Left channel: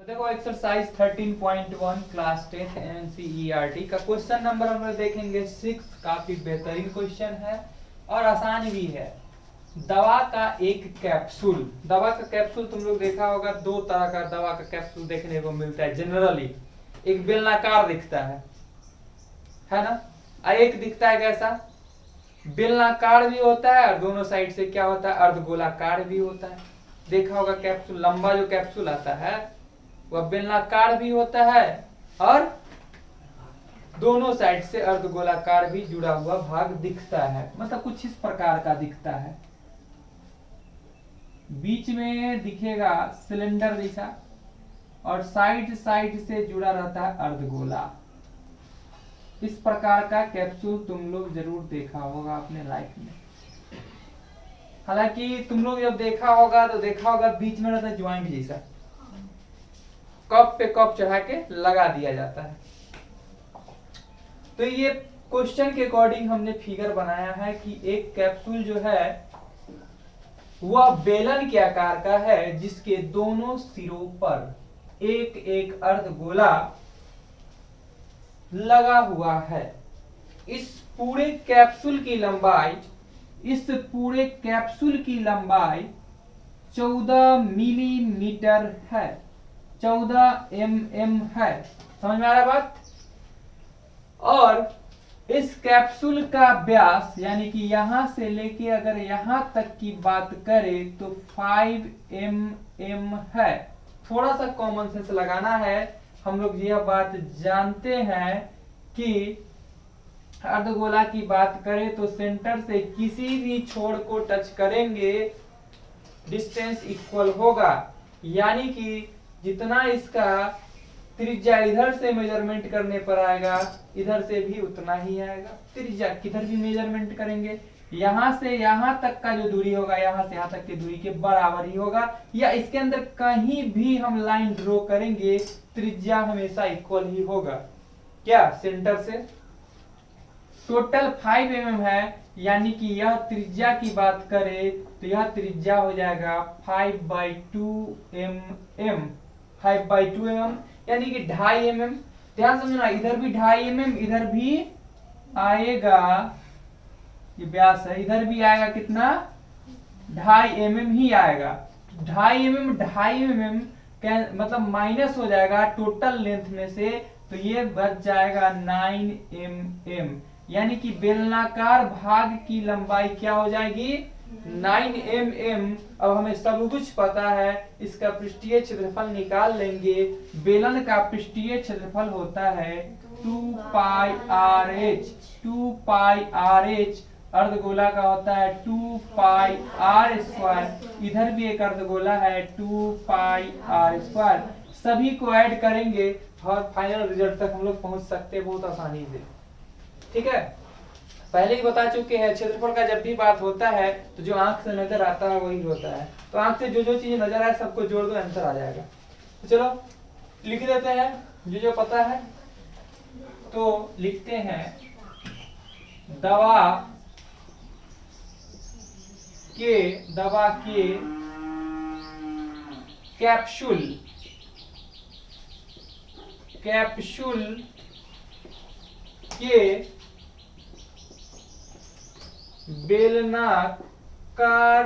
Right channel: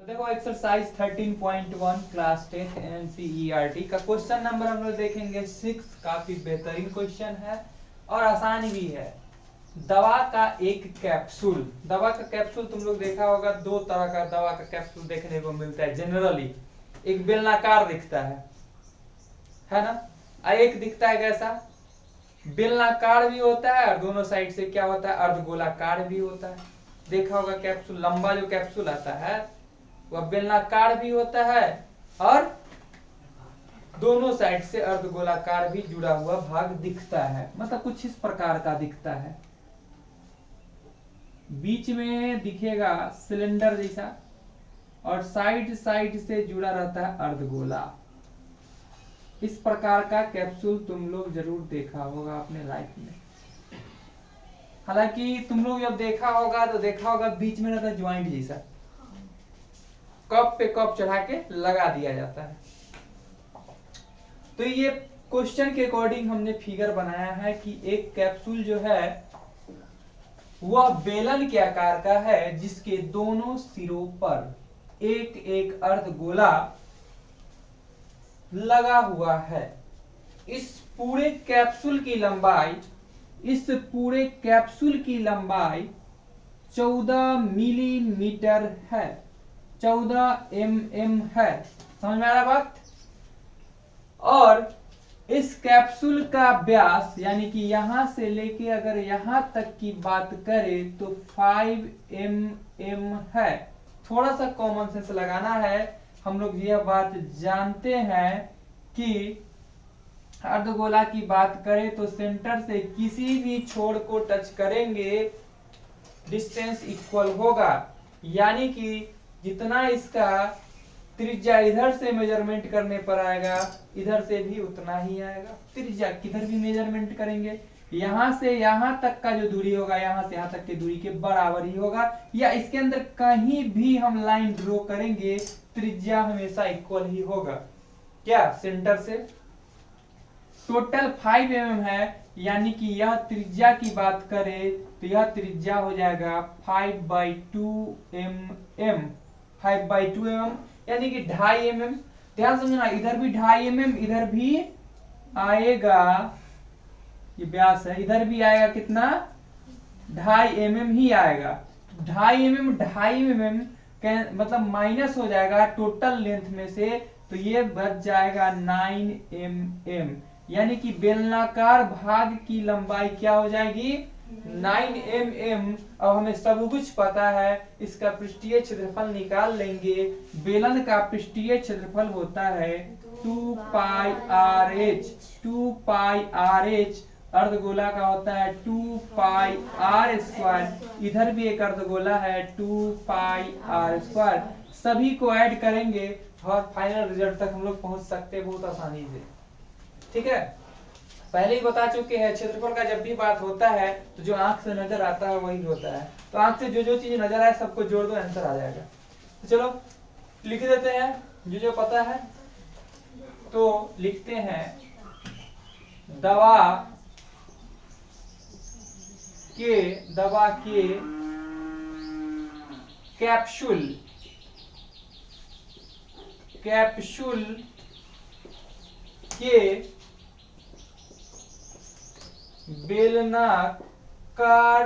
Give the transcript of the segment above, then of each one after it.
तो देखो exercise 13.1 class 10 NCERT का क्वेश्चन नंबर हम लोग देखेंगे 6। काफी बेहतरीन क्वेश्चन है और आसान भी है। दवा का एक कैप्सूल, दवा का कैप्सूल तुम लोग देखा होगा, दो तरह का दवा का कैप्सूल देखने को मिलता है जनरली। एक बेलनाकार दिखता है ना, और एक दिखता है कैसा, बेलनाकार भी होता है और दोनों साइड से क्या होता है, अर्धगोलाकार भी होता है। देखा होगा कैप्सूल, लंबा जो कैप्सूल आता है वह बेलनाकार भी होता है और दोनों साइड से अर्धगोलाकार भी जुड़ा हुआ भाग दिखता है। मतलब कुछ इस प्रकार का दिखता है। बीच में दिखेगा सिलेंडर जैसा और साइड साइड से जुड़ा रहता है अर्धगोला। इस प्रकार का कैप्सूल तुम लोग जरूर देखा होगा अपने लाइफ में। हालांकि तुम लोग जब देखा होगा तो देखा होगा बीच में रहता है ज्वाइंट जैसा, कप पे कप चढ़ा के लगा दिया जाता है। तो ये क्वेश्चन के अकॉर्डिंग हमने फिगर बनाया है कि एक कैप्सूल जो है वह बेलन के आकार का है, जिसके दोनों सिरों पर एक एक अर्धगोला लगा हुआ है। इस पूरे कैप्सूल की लंबाई 14 मिलीमीटर है, 14 mm है। समझ में आ रहा बात। और इस कैप्सूल का व्यास यानी कि यहां से लेके अगर यहां तक की बात करें तो 5 mm है। थोड़ा सा कॉमन सेंस लगाना है। हम लोग यह बात जानते हैं कि अर्धगोला की बात करें तो सेंटर से किसी भी छोर को टच करेंगे डिस्टेंस इक्वल होगा, यानी कि जितना इसका त्रिज्या इधर से मेजरमेंट करने पर आएगा इधर से भी उतना ही आएगा। त्रिज्या किधर भी मेजरमेंट करेंगे यहां से यहां तक का जो दूरी होगा यहां से यहां तक की दूरी के बराबर ही होगा, या इसके अंदर कहीं भी हम लाइन ड्रॉ करेंगे त्रिज्या हमेशा इक्वल ही होगा। क्या सेंटर से टोटल 5 mm है, यानी कि यह त्रिज्या की बात करें तो यह त्रिज्या हो जाएगा 5/2 mm, 5/2 mm यानी कि 2.5 mm। ध्यान समझना, इधर भी 2.5 mm, इधर भी आएगा, ये व्यास है, इधर भी आएगा कितना, 2.5 mm ही आएगा। 2.5 mm मतलब माइनस हो जाएगा टोटल लेंथ में से, तो ये बच जाएगा 9 mm, यानी कि बेलनाकार भाग की लंबाई क्या हो जाएगी 9 mm। अब हमें सब कुछ पता है, इसका पृष्ठीय क्षेत्रफल निकाल लेंगे। बेलन का पृष्ठीय क्षेत्रफल होता है 2πrh, 2πrh। अर्धगोला का होता है 2πr²। इधर भी एक अर्धगोला है 2πr²। सभी को ऐड करेंगे और फाइनल रिजल्ट तक हम लोग पहुंच सकते हैं बहुत आसानी से। ठीक है, पहले ही बता चुके हैं क्षेत्रफल का जब भी बात होता है तो जो आंख से नजर आता है वही होता है। तो आंख से जो जो चीज नजर आए सबको जोड़ दो, आंसर आ जाएगा। तो चलो लिख देते हैं जो जो पता है। तो लिखते हैं दवा के कैप्सूल के बेलनाकार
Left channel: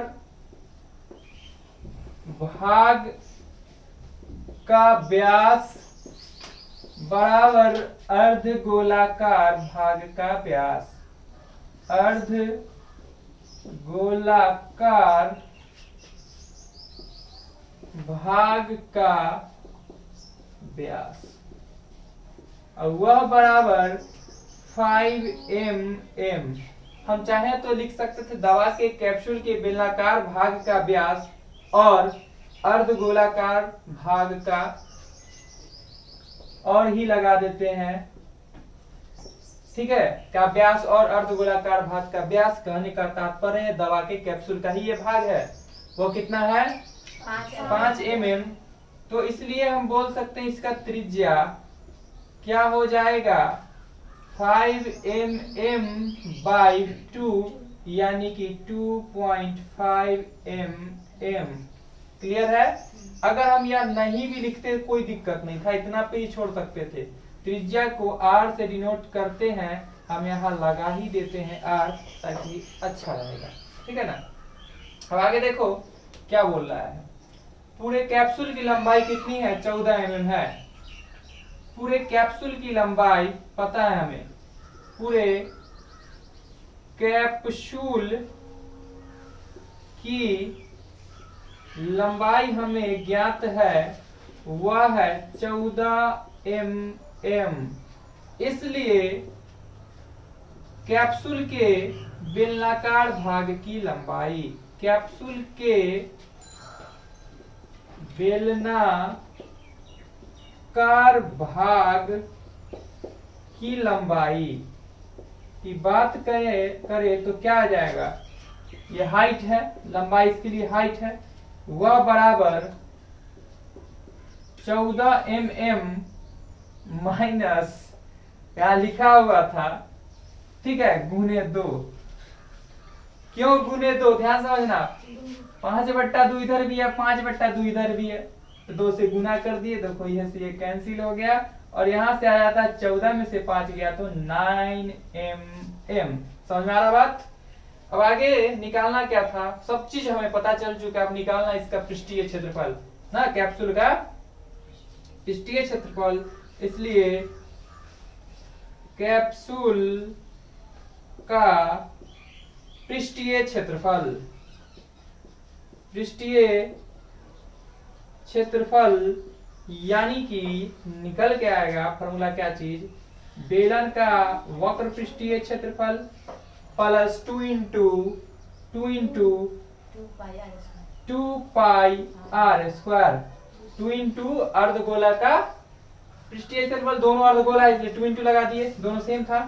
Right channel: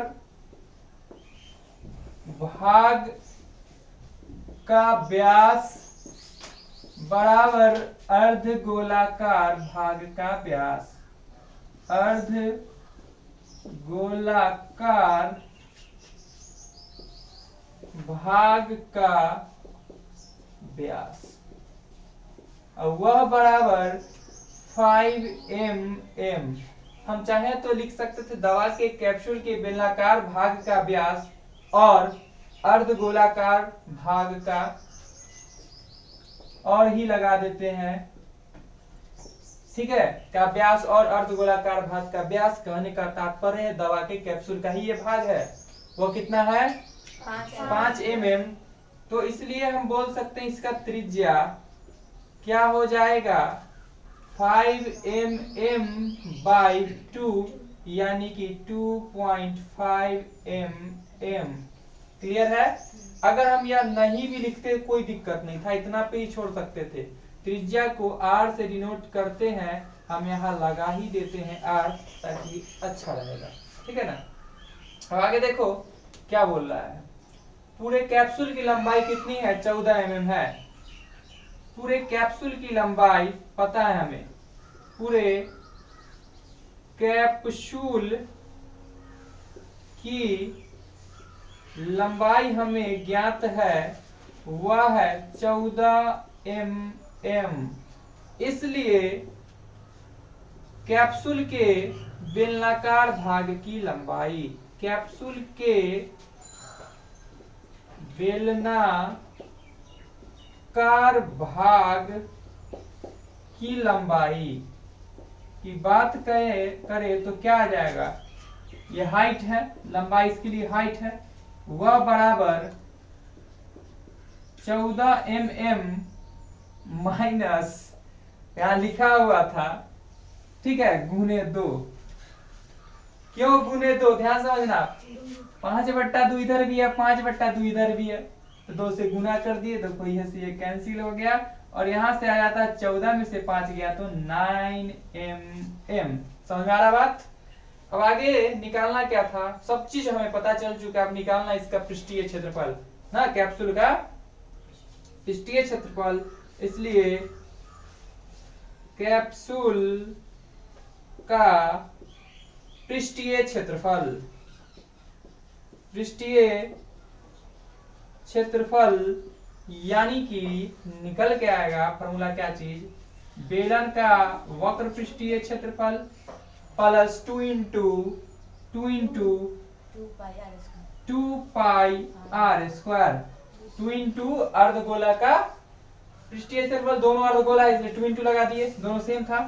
भाग का व्यास बराबर अर्धगोलाकार भाग का व्यास, अर्धगोलाकार भाग का व्यास, और वह बराबर 5 mm। हम चाहें तो लिख सकते थे दवा के कैप्सूल के बेलनाकार भाग का व्यास और अर्धगोलाकार भाग का, और ही लगा देते हैं। ठीक है, का व्यास और अर्धगोलाकार भाग का व्यास। कहने का तात्पर्य है दवा के कैप्सूल का ही ये भाग है, वो कितना है 5 mm। तो इसलिए हम बोल सकते हैं इसका त्रिज्या क्या हो जाएगा 5 mm/2, यानी कि 2.5 mm। क्लियर है? अगर हम यहाँ नहीं भी लिखते कोई दिक्कत नहीं था, इतना पे ही छोड़ सकते थे। त्रिज्या को r से डिनोट करते हैं, हम यहाँ लगा ही देते हैं r, ताकि अच्छा रहेगा। ठीक है ना? अब आगे देखो क्या बोल रहा है। पूरे कैप्सूल की लंबाई कितनी है? 14 mm है। पूरे कैप्सूल की लंबाई पता है हमें, पूरे कैप्सूल की लंबाई हमें ज्ञात है, वह है 14 mm। इसलिए कैप्सूल के बेलनाकार भाग की लंबाई, कैप्सूल के बेलनाकार भाग की लंबाई की बात करें तो क्या आ जाएगा? ये हाइट है, लंबाई इसके लिए हाइट है, वह बराबर 14 mm माइनस, यहाँ लिखा हुआ था, ठीक है, गुने 2। क्यों गुने 2? ध्यान समझना, 5/2 इधर भी है, 5/2 इधर भी है, तो 2 से गुना कर दिए, देखो यह से ये कैंसिल हो गया, और यहाँ से आ जाता है 14 में से 5 गया तो 9 mm। समझ में आ रहा बात? अब आगे निकालना क्या था? सब चीज हमें पता चल चुका है। अब निकालना इसका पृष्ठीय क्षेत्रफल ना, कैप्सूल का पृष्ठीय क्षेत्रफल। इसलिए कैप्सूल का पृष्ठीय क्षेत्रफल, पृष्ठीय क्षेत्रफल यानी कि निकल के आएगा फॉर्मूला क्या चीज? बेलन का वक्र पृष्ठीय क्षेत्रफल plus 2 pi R square, 2 into अर्धगोला का पृष्ठीय क्षेत्रफल, दोनों अर्धगोला है इसलिए 2 इंटू लगा दिए, दोनों सेम था।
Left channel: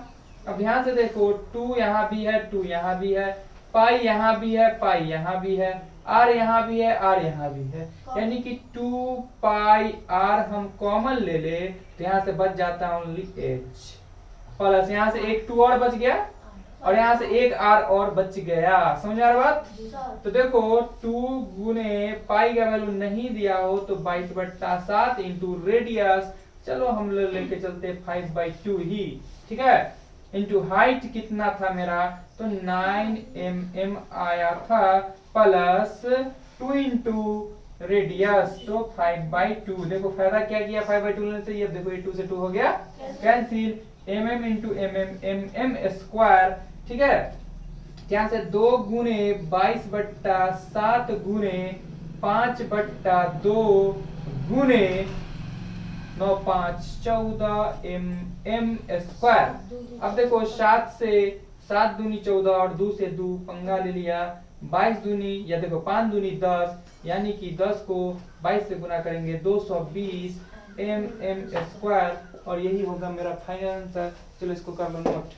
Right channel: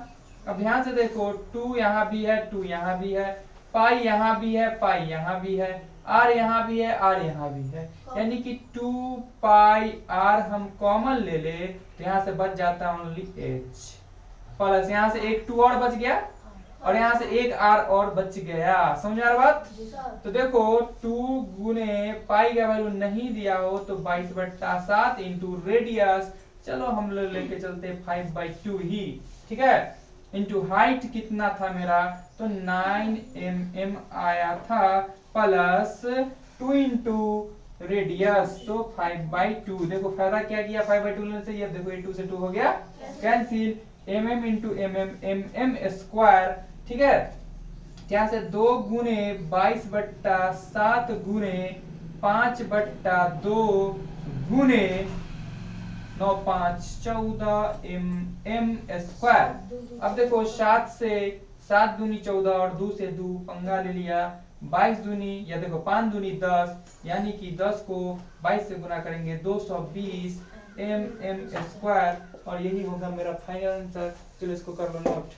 अब ध्यान से देखो, 2 यहाँ भी है, 2 यहाँ भी है, पाई यहाँ भी है, पाई यहाँ भी है, आर यहाँ भी है, आर यहाँ भी है, यानी कि 2 पाई आर हम कॉमन ले ले तो यहाँ से बच जाता है ओनली एच, प्लस यहाँ से एक 2 और बच गया, और यहाँ से एक आर और बच गया। समझ आ रहा बात? तो देखो 2 गुने पाई का वैल्यू नहीं दिया हो तो 22/7 इंटू रेडियस, चलो हम लोग लेके चलते 5/2 ही, ठीक है, इंटू हाइट कितना था मेरा? तो 9 mm आया था, प्लस 2 इंटू रेडियस तो 5/2। देखो फायदा क्या किया 5/2 लेने से? ये देखो ये 2 से 2 हो गया cancel, mm into mm square, ठीक है, यहाँ से 2 गुने 22/7 गुने 5/2 गुने 9 5 14 mm स्क्वायर। अब देखो 7 से 7 दूनी 14 और 2 से 2 पंगा ले लिया, 22 दूनी, या देखो 5 दूनी 10, यानी कि 10 को 22 से गुना करेंगे 220 mm स्क्वायर, और यही होगा मेरा फाइनल आंसर। चलो इसको कर लो नोट।